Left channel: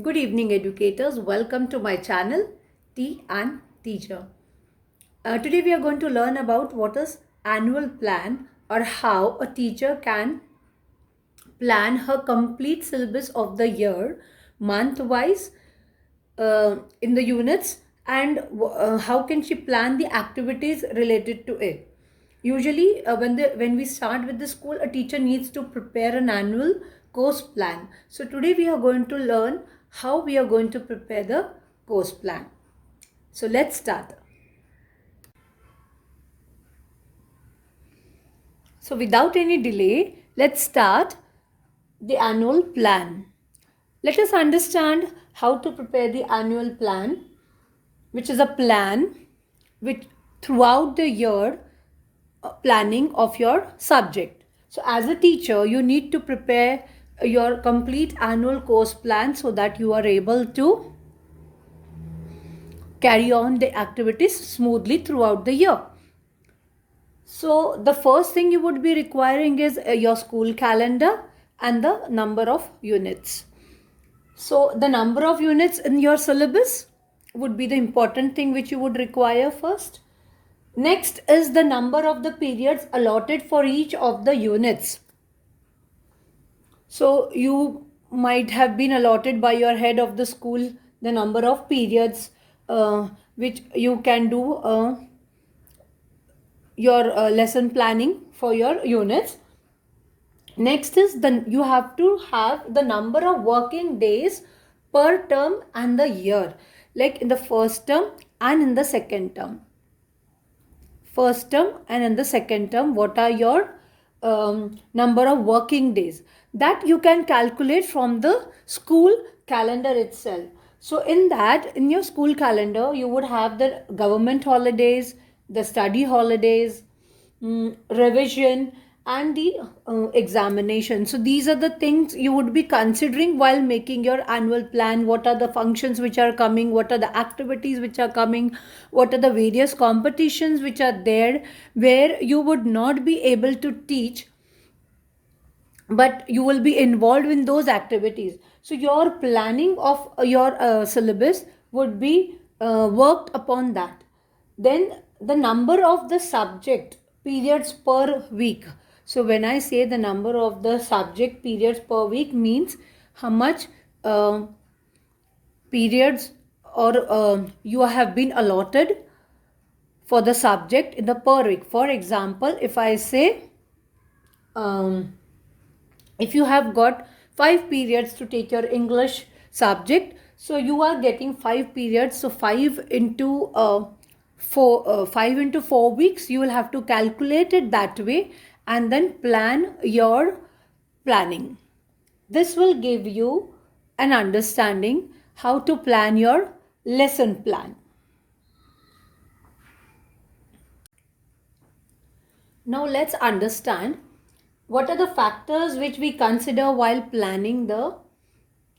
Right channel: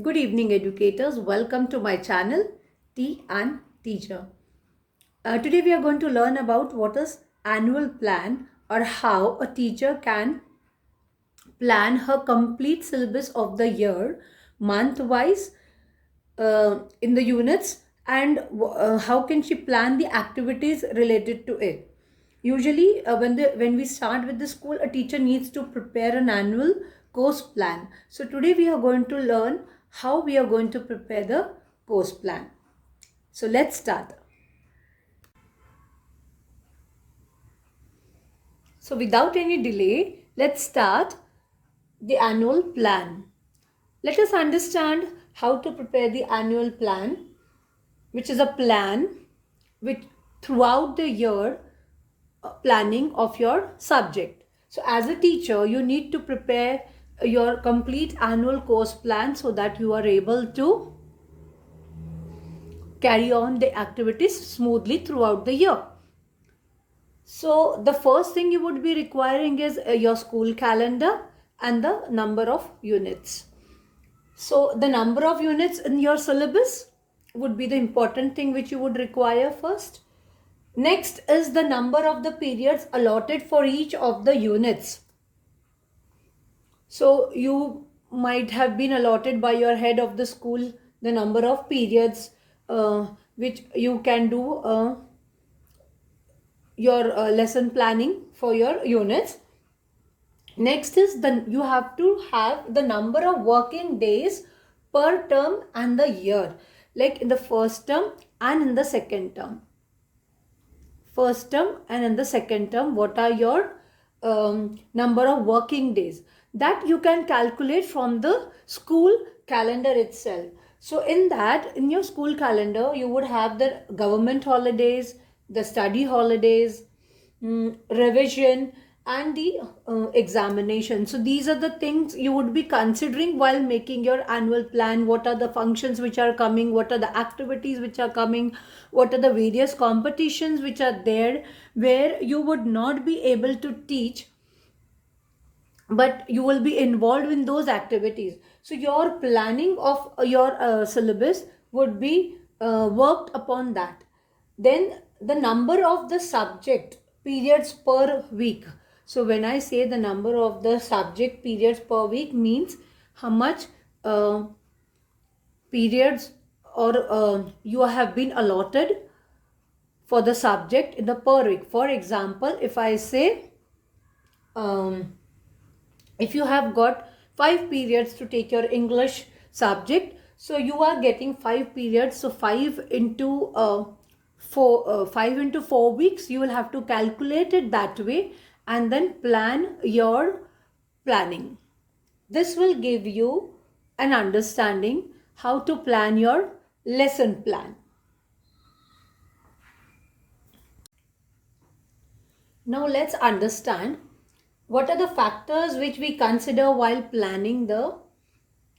Good evening, educators. Welcome to my channel, Tea and Teacher. Today we are going to learn about what is annual plan or how a teacher can plan her complete syllabus of the year, month-wise, in the units, and how can she plan the activities related to it. Usually, when we start with the school, a teacher needs to prepare an annual course plan. So today we are going to learn how we are going to prepare the course plan. So let's start. So without any delay, let's start the annual plan. Let us understand how to prepare the annual plan, which is a plan which throughout the year planning of your subject. So as a teacher, you need to prepare your complete annual course plan so that you are able to carry on the activities smoothly throughout the year. So the first thing you would be requiring is your school calendar and the number of units. So the number of units in your syllabus would be the important thing which you would require first. Next is the number of the periods allotted for each of the units. So you might have been allotted by your head of the school the number of periods which you can do your lesson planning for your units. Next is you have to have the number of working days per term and the year, like in the first term and in the second term. First term and in the second term, what are your number of working days that you can calculate from the school calendar itself. So in that, in your school calendar, you would have the government holidays, the study holidays, revision, and the examination. So these are the things you would be considering while making your annual plan. What are the functions which are coming? What are the activities which are coming? What are the various competitions which are there where you would not be able to teach, but you will be involved in those activities. So your planning of your syllabus would be worked upon that. Then the number of the subject periods per week. So when I say the number of the subject periods per week means how much periods or you have been allotted for the subject in the per week. For example, if I say if you have got 5 periods to take your English subject, so you are getting 5 periods. So 5 into 4 weeks, you will have to calculate it that way and then plan your planning. This will give you an understanding how to plan your lesson plan. Now let's understand what are the factors which we consider while planning the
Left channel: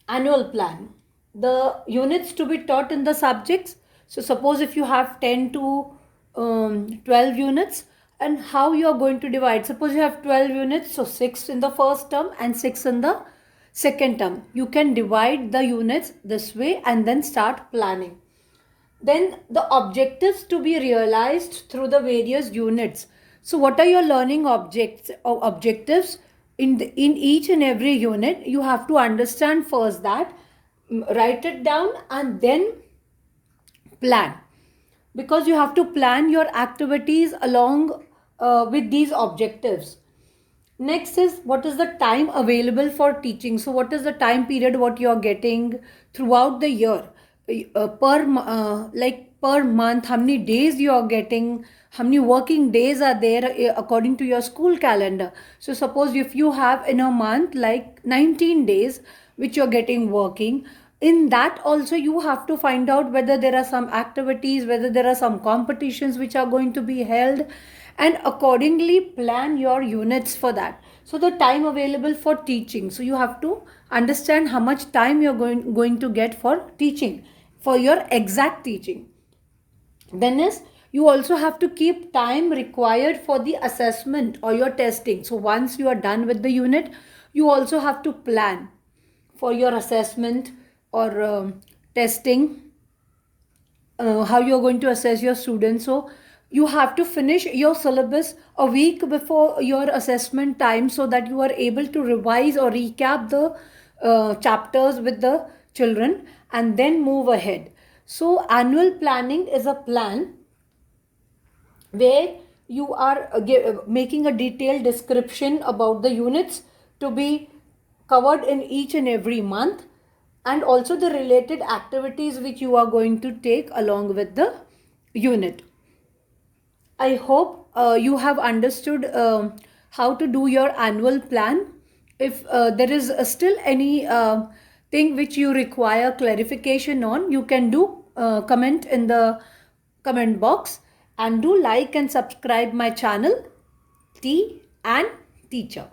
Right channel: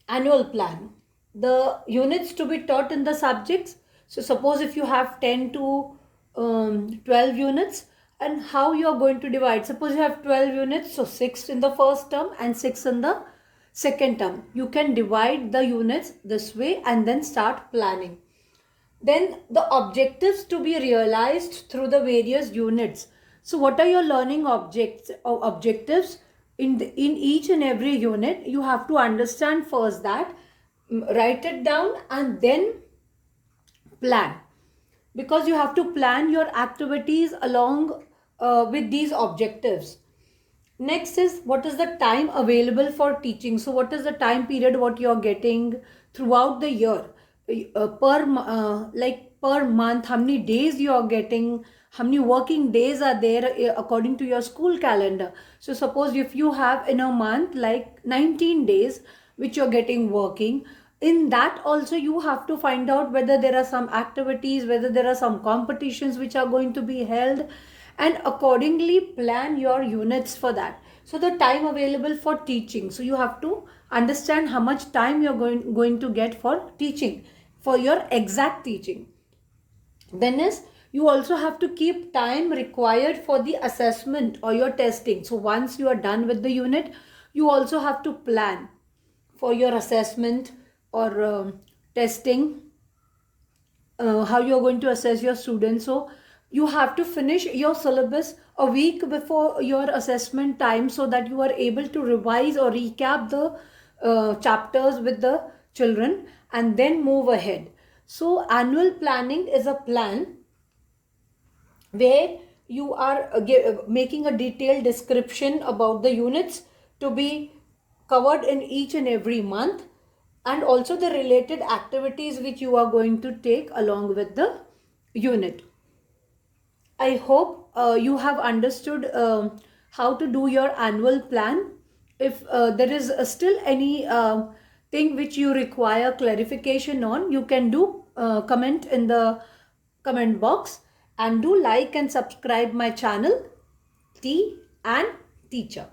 annual plan. The units to be taught in the subjects. So suppose if you have 10 to 12 units, and how you are going to divide. Suppose you have 12 units, so 6 in the first term and 6 in the second term. You can divide the units this way and then start planning. Then the objectives to be realized through the various units. So what are your learning objectives in each and every unit? You have to understand first that, write it down and then plan, because you have to plan your activities along with these objectives. Next is what is the time available for teaching. So what is the time period what you are getting throughout the year, per month, how many days you are getting, how many working days are there according to your school calendar. So suppose if you have in a month like 19 days which you're getting working, in that also you have to find out whether there are some activities, whether there are some competitions which are going to be held, and accordingly plan your units for that. So the time available for teaching, so you have to understand how much time you're going to get for teaching, for your exact teaching. Then is you also have to keep time required for the assessment or your testing. So once you are done with the unit, you also have to plan for your assessment, or testing, how you're going to assess your students. So you have to finish your syllabus a week before your assessment time so that you are able to revise or recap the chapters with the children and then move ahead. So annual planning is a plan where you are making a detailed description about the units to be covered in each and every month, and also the related activities which you are going to take along with the unit. I hope you have understood how to do your annual plan. If there is still any thing which you require clarification on, you can do comment in the comment box, and do like and subscribe my channel, T and Teacher.